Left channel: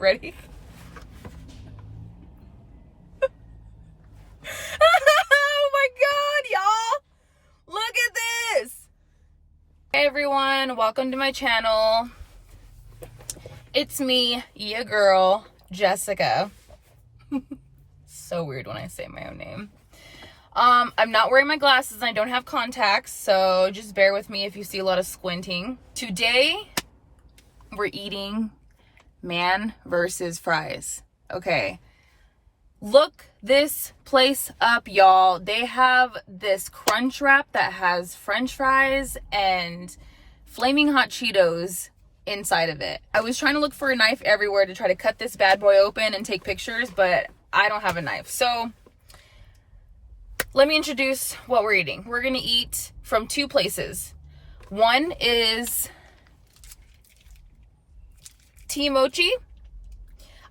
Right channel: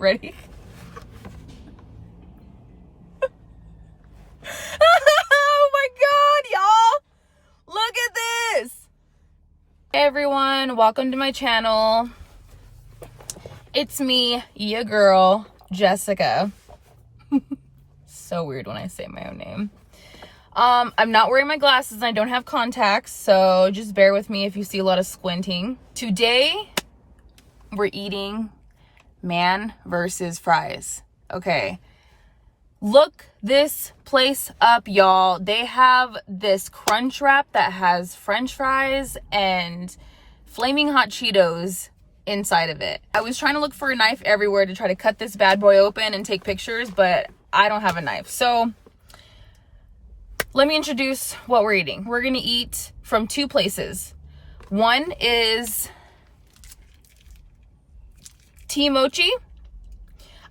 Ready? Oh my God, y'all. Look at this. Hey everyone, welcome to my channel. It's me, your girl, Jessica. So weird when I say my own name. I'm not wearing my glasses and I don't have contacts, so just bear with me if you see a lot of squinting. Today, we're eating man versus fries. Okay. Look this place up, y'all. They have this crunch wrap that has french fries and flaming hot Cheetos inside of it. I was trying to look for a knife everywhere to try to cut this bad boy open and take pictures, but I don't have a knife. So let me introduce what we're eating. We're gonna eat from two places. One is TeAmo.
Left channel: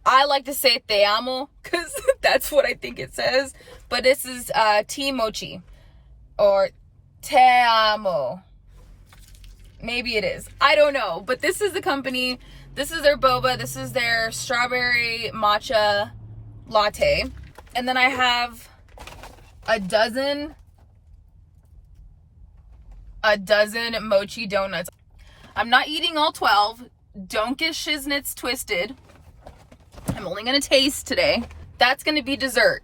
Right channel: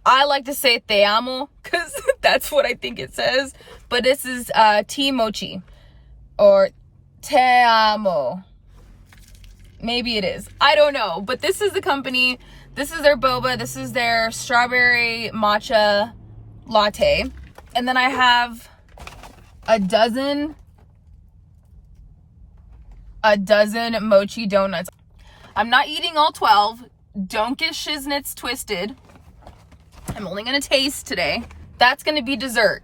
I like to say TeAmo because that's what I think it says. But this is TeAmo or TeAmo. Maybe it is. I don't know. But this is the company. This is their boba. This is their strawberry matcha latte. And then I have a dozen mochi donuts. I'm not eating all 12. Don't get shiznits twisted. I'm only gonna taste today. That's gonna be dessert.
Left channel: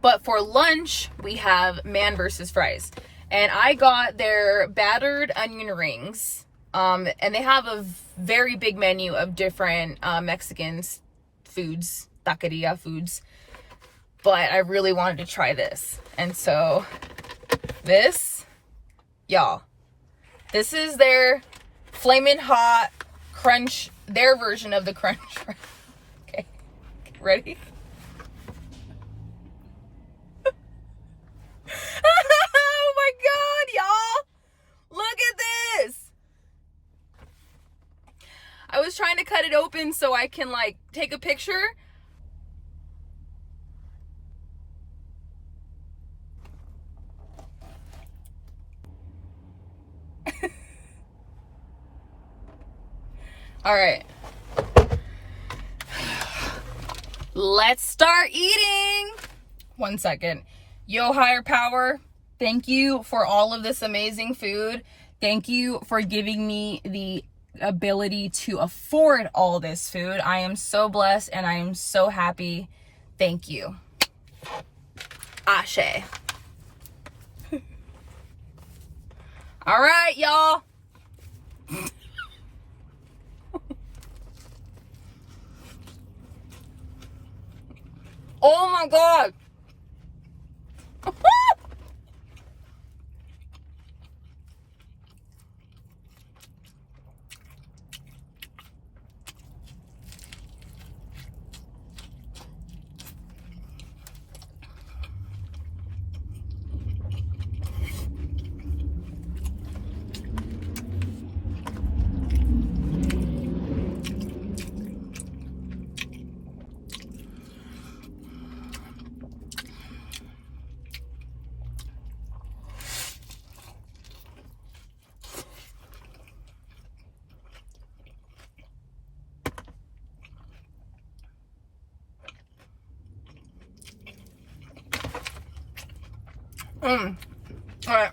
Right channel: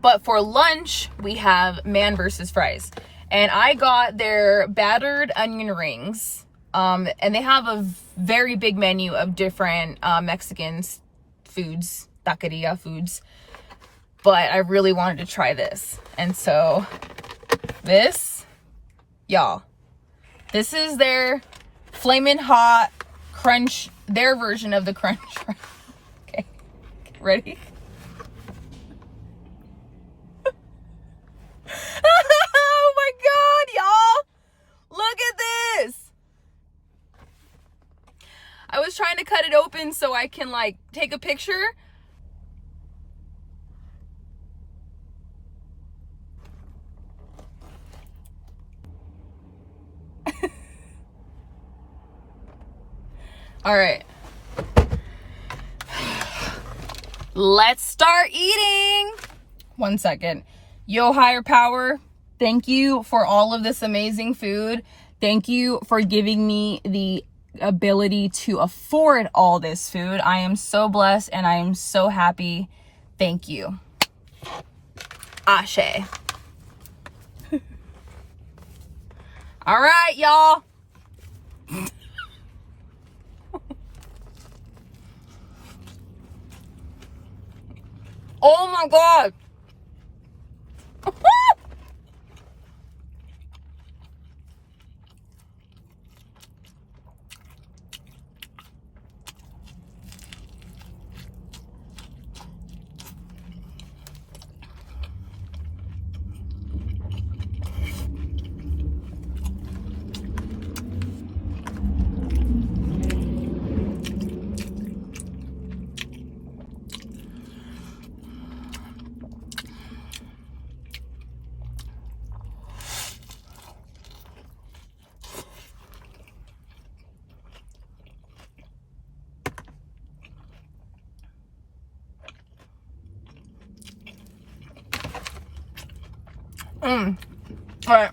But for lunch, we have man versus fries. And I got their battered onion rings. And they have a very big menu of different Mexican foods, Taqueria foods. But I really wanted to try this. And so this, y'all, this is their flamin' hot crunch, their version of the crunch wrap. Okay, ready? Oh my God, y'all. Look at this. I was trying to cut it open so I can like take a picture. All right. Let's start eating. 1 second. Yo, higher power, thank you for all of this amazing food. Thank you for giving me the ability to afford all this food. I am so blessed and I am so happy. Thank you. Ashe. All right, y'all. Oh my God. All right.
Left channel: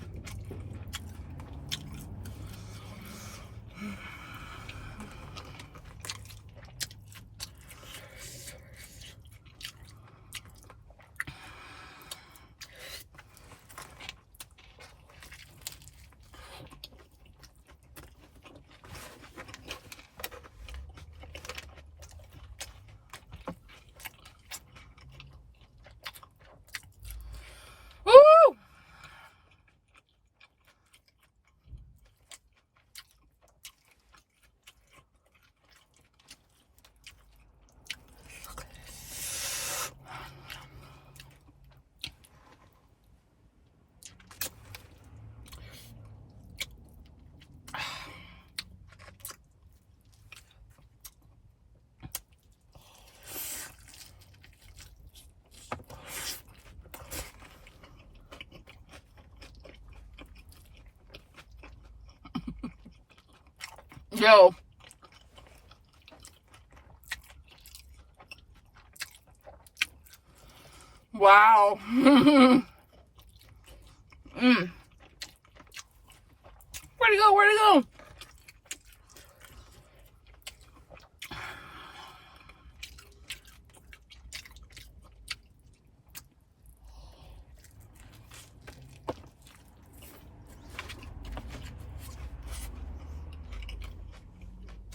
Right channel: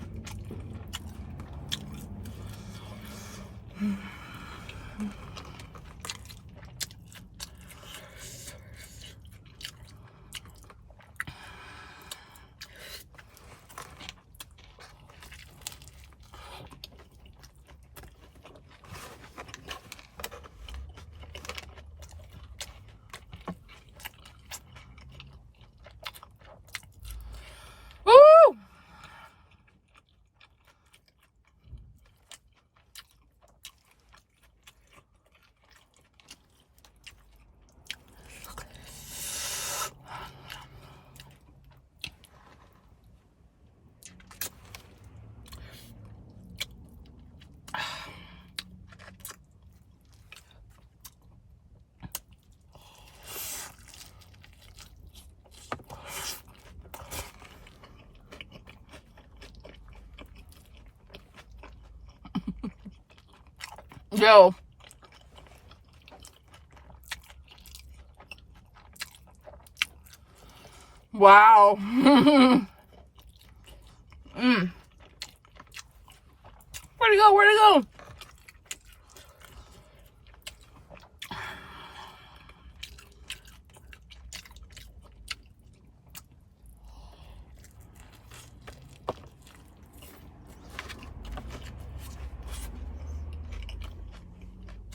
Woo! Yo. Wow. Where'd it go? Where'd it go?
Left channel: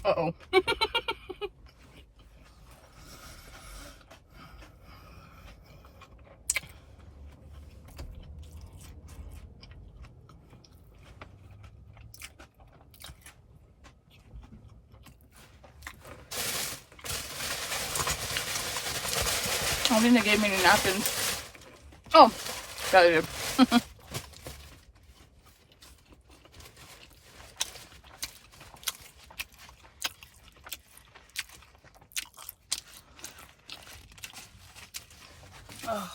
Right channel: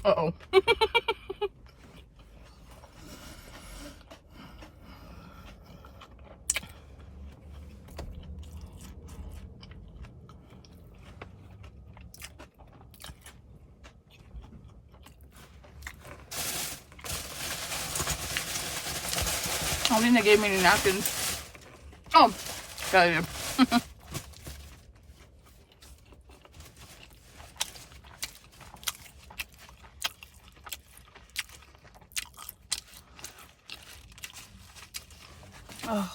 Uh-oh. I don't think they gave me any napkins. Oh, got it. Oh.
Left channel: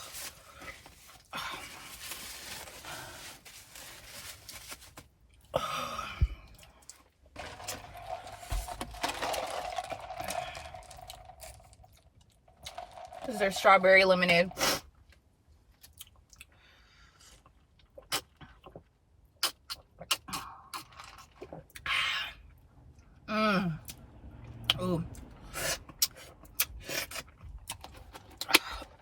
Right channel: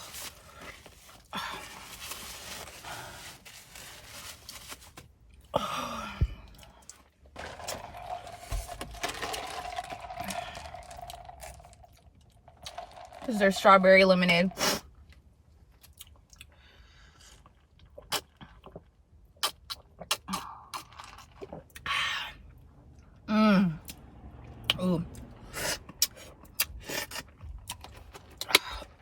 This is their strawberry lemonade. Ooh.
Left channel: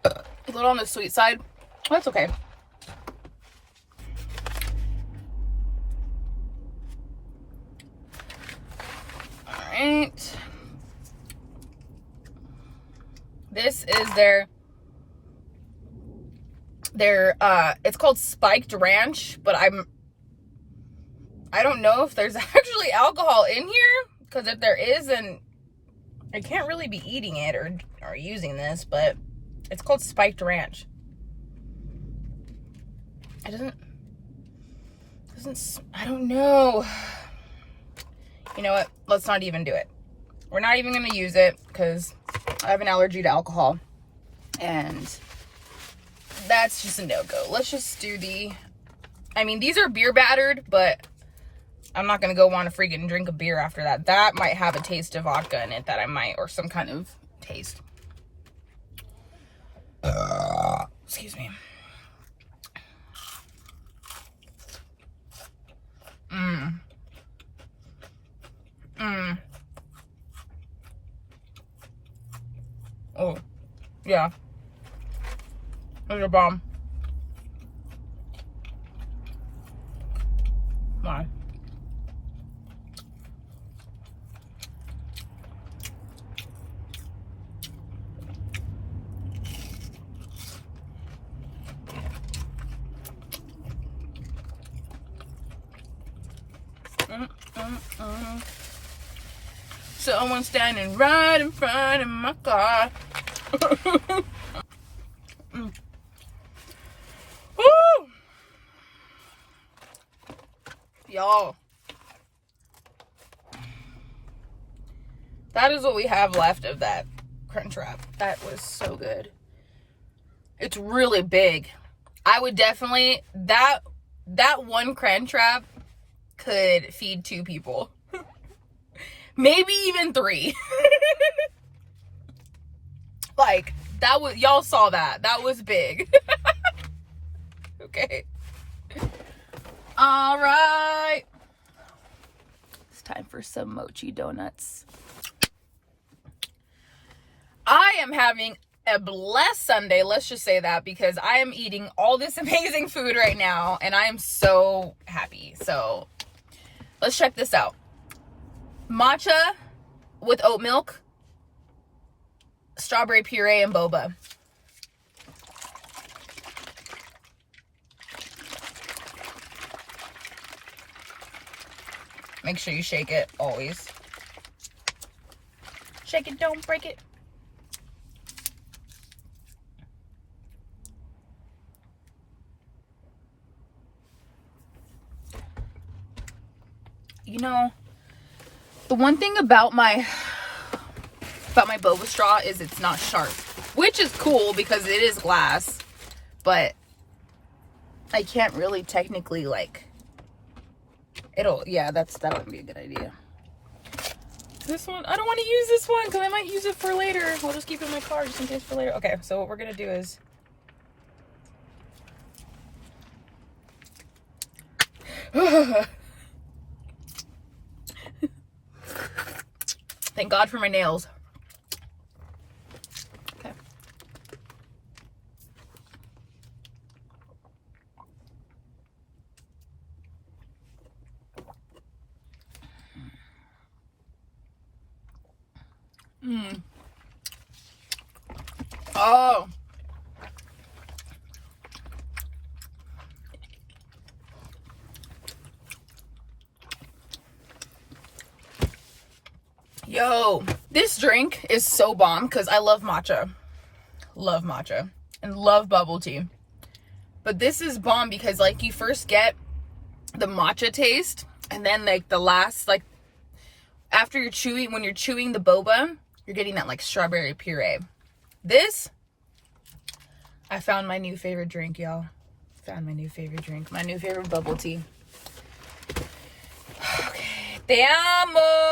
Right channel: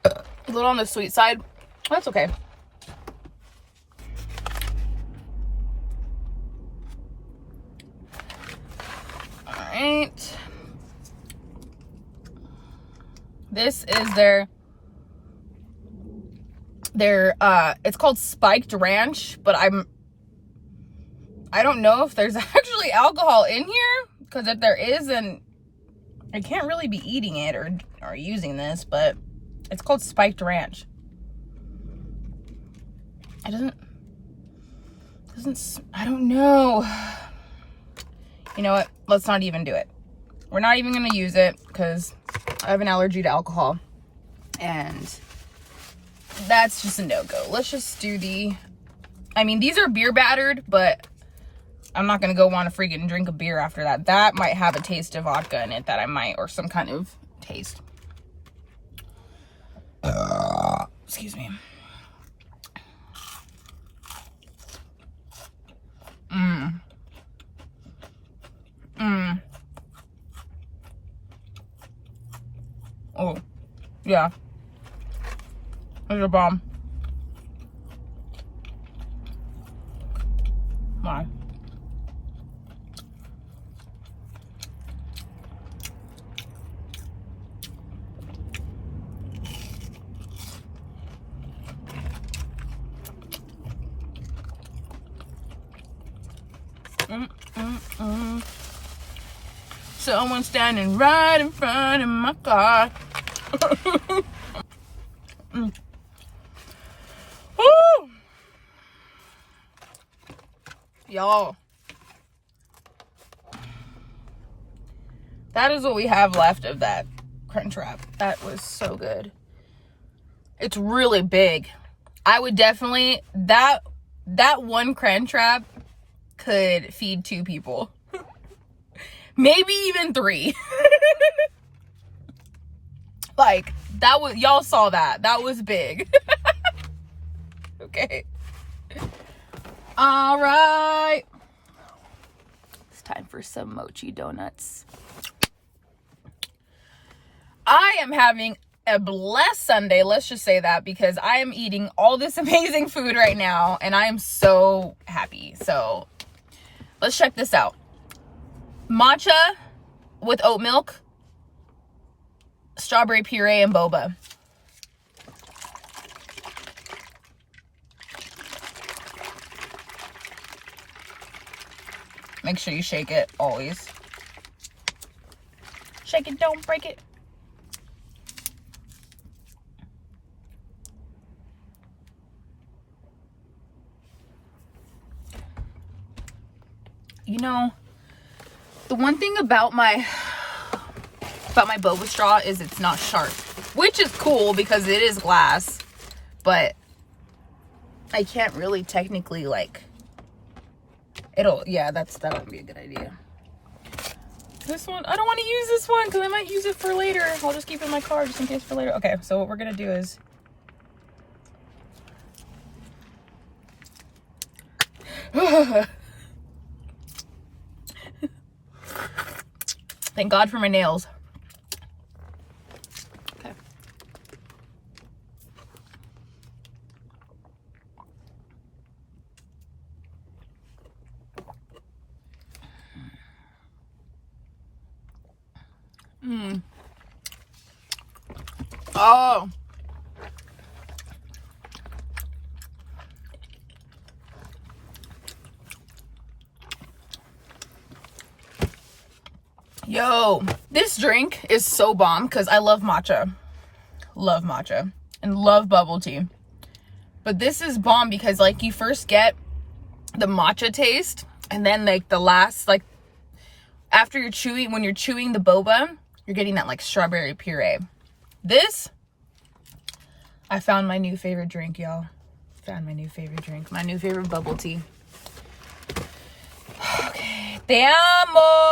A little on the sweet side. That's okay. All right. This is their it's called spiked ranch, but I don't know if there's actually alcohol in here, because if there is, then I can't really be eating it or using this, but it's called spiked ranch. It doesn't, I don't know. You know what? Let's not even do it. We're not even going to use it because I have an allergy to alcohol. And that's just a no-go. Let's just do I mean, these are beer battered, but I'm not going to go want to freaking drink a beer after that. That might have a taste of vodka in it that I might, or some kind of taste. Excuse me. Oh, yeah. There's a bomb. Why? Someone standing right in front of my car. Woo! Y'all, that is what we have left of that crunch wrap. That was so good. It's really big. I would definitely, that one crunch wrap could feed 2 people. Maybe even 3. Like, that was, y'all saw that. That was big. Okay. All right. It's time for some mochi donuts. I am having a blessed Sunday. Let's just say that, because I am eating all this amazing food right now and I am so happy. So let's check this out. Matcha with oat milk, strawberry puree, and boba. Make sure you shake it always. Shake it, don't break it. You know, the one thing about my boba straw is it's not sharp, which is cool because it is glass, but I can't really technically, like, yeah, that wouldn't be a good idea. This one, I don't want to use this one because I might use it for later. I'll just keep it in my car just in case for later. Okay, so what we're gonna do is Thank God for my nails. Okay. Oh. Yo, this drink is so bomb because I love matcha. Love matcha and love bubble tea. But this is bomb because like you first get the matcha taste and then like the last, like after you're chewing, when you're chewing the boba, you're getting that like strawberry puree. This, I found my new favorite drink, y'all. Found my new favorite drink, my new favorite bubble tea. Okay, TeAmo,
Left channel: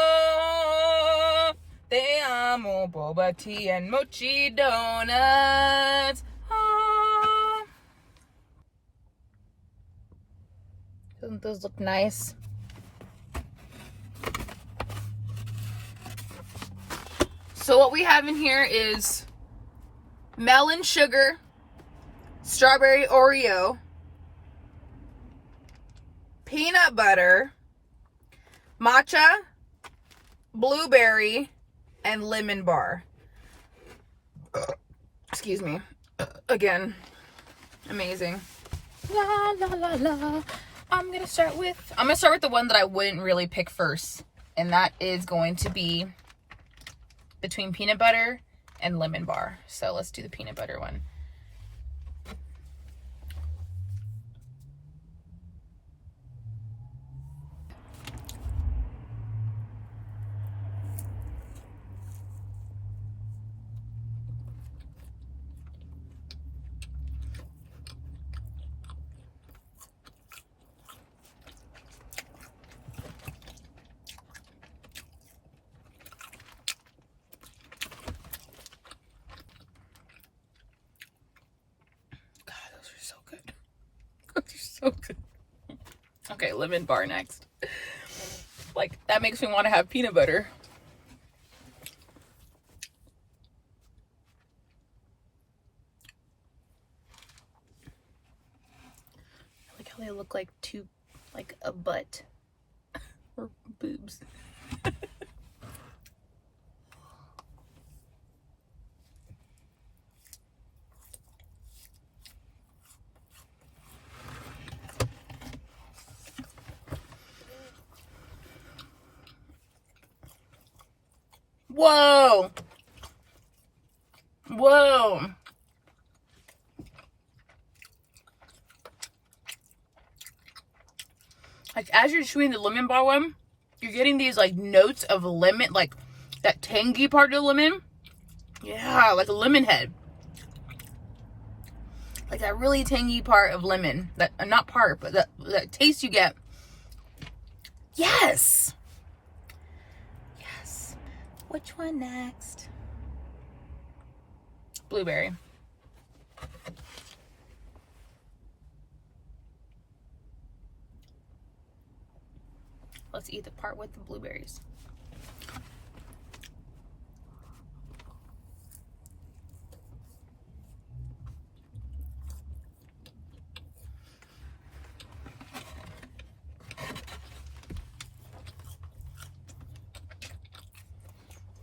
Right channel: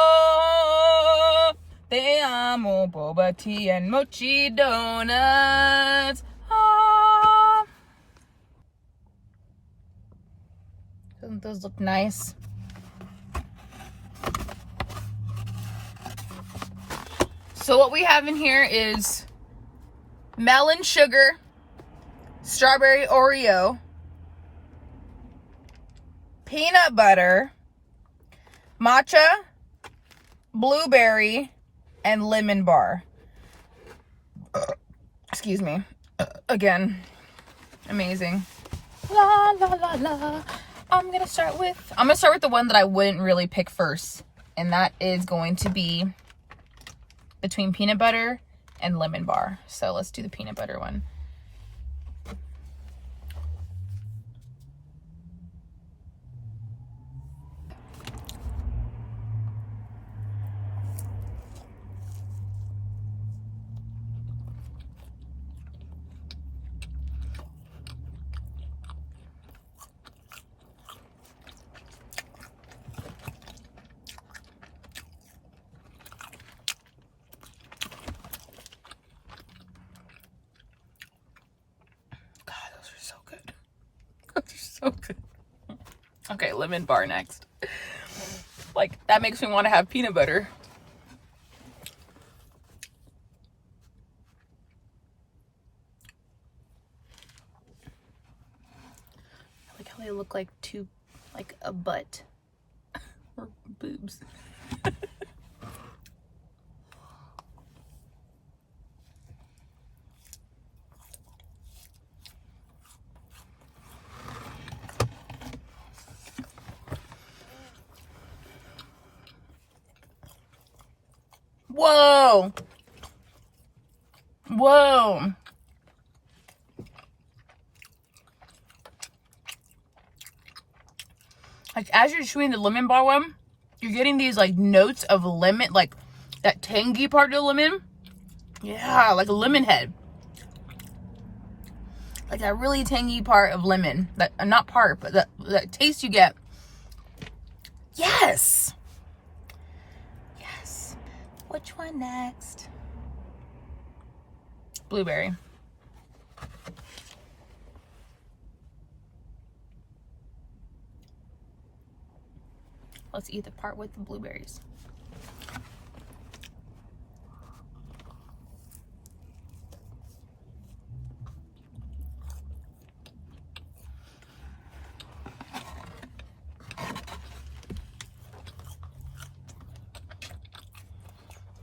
Boba tea and Mochi Donuts. Ah. Doesn't those look nice? So what we have in here is melon sugar, strawberry Oreo, peanut butter, matcha, blueberry, and lemon bar. Excuse me. Again, amazing. La la la la. I'm gonna start with the one that I wouldn't really pick first, and that is going to be between peanut butter and lemon bar. So let's do the peanut butter one. So good. Okay, lemon bar next. Like, that makes me want to have peanut butter. I like how they look like like a butt. Or boobs. Whoa. Whoa. Like, as you're chewing the lemon bar one, you're getting these, like, notes of lemon, like, that tangy part of the lemon. Yeah, like a lemon head. Like, that really tangy part of lemon. That, not part, but that taste you get. Yes! Which one next? Blueberry. Let's eat the part with the blueberries.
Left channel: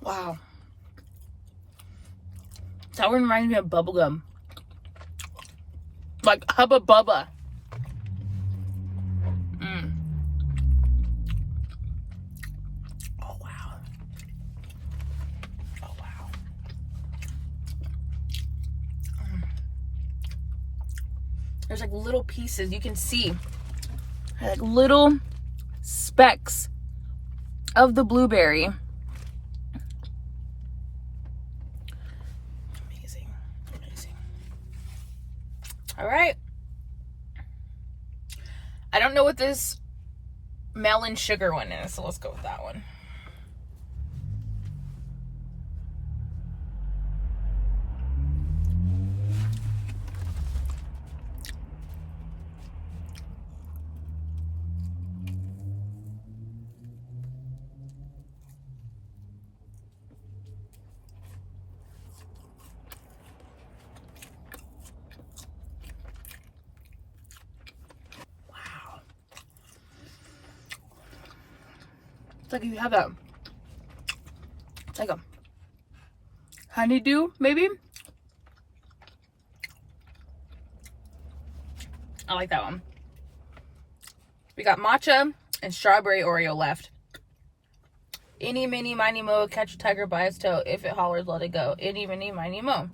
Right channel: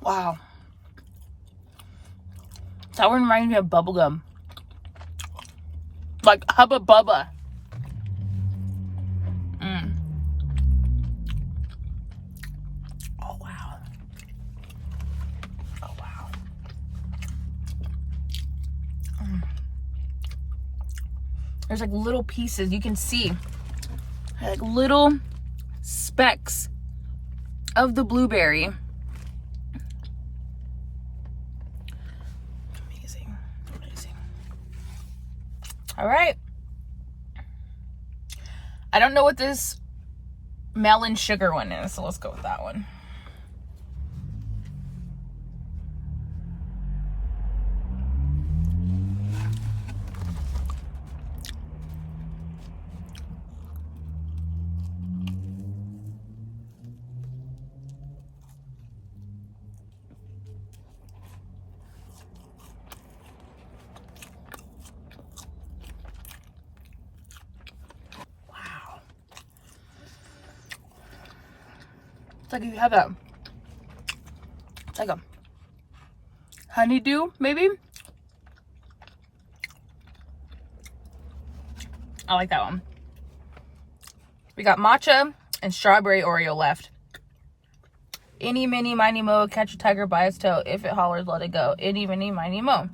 Wow. That one reminds me of bubblegum. Like Hubba Bubba. Oh, wow. Oh, wow. There's like little pieces you can see. Like little specks of the blueberry. All right. I don't know what this melon sugar one is, so let's go with that one. It's like you have that, it's like a honeydew, maybe. I like that one. We got matcha and strawberry Oreo left. Any, mini, miny, mo, catch a tiger by its tail. If it hollers, let it go. Any, mini, miny, mo.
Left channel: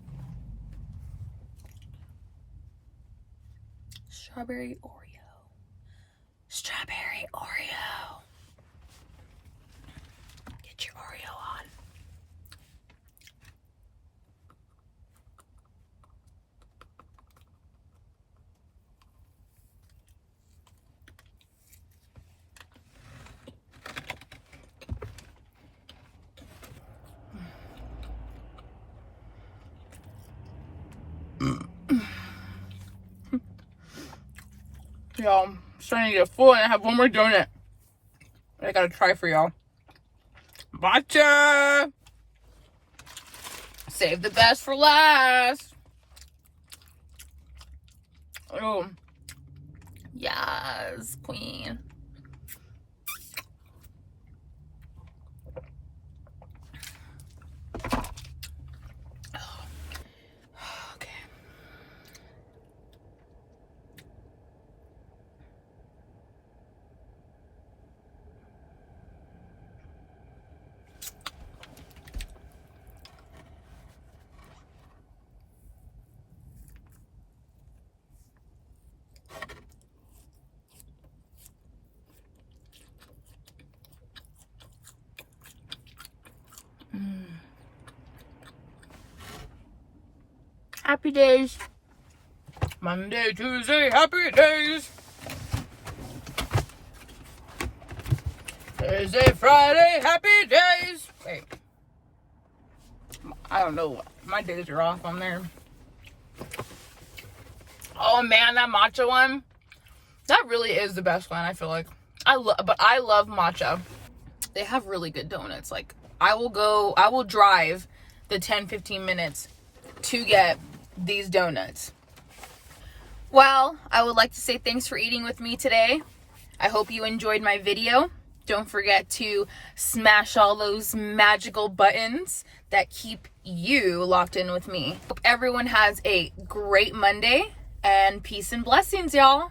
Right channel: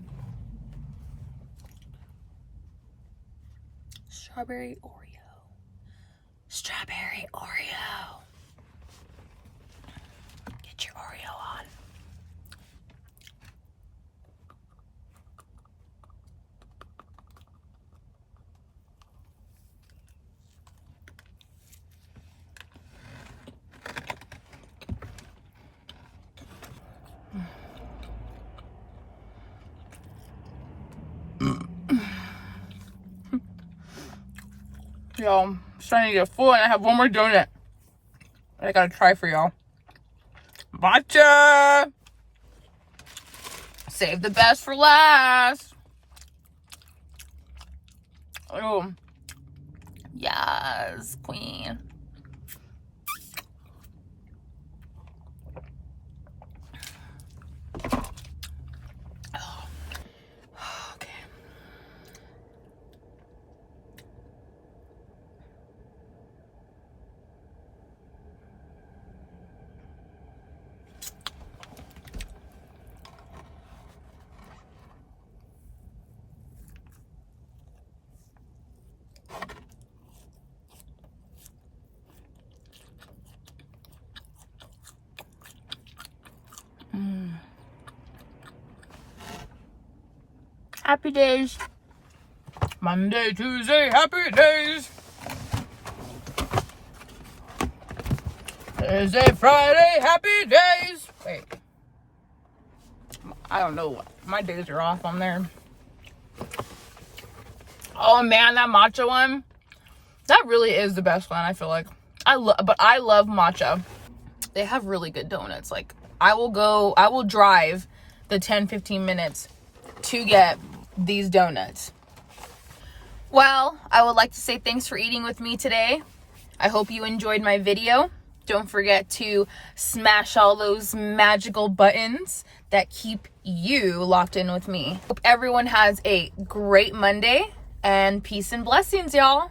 Strawberry Oreo. Strawberry Oreo. Get your Oreo on. Y'all, I'm starting to get full, and I have one more donut that I gotta try for y'all. Matcha! Save the best for last. Oh, yes, queen. Happy days. Monday, Tuesday, happy days. Thursday, Friday, happy days. Wait. I don't know. My days are off on there. Oh man, that matcha one. That really is the best one, I feel like. I love matcha. They have really good donuts. Like, I will drive the 10-15 minutes to get these donuts. Well, I would like to say thanks for eating with me today. I hope you enjoyed my video. Don't forget to smash all those magical buttons that keep you locked in with me. Hope everyone has a great Monday, and peace and blessings, y'all.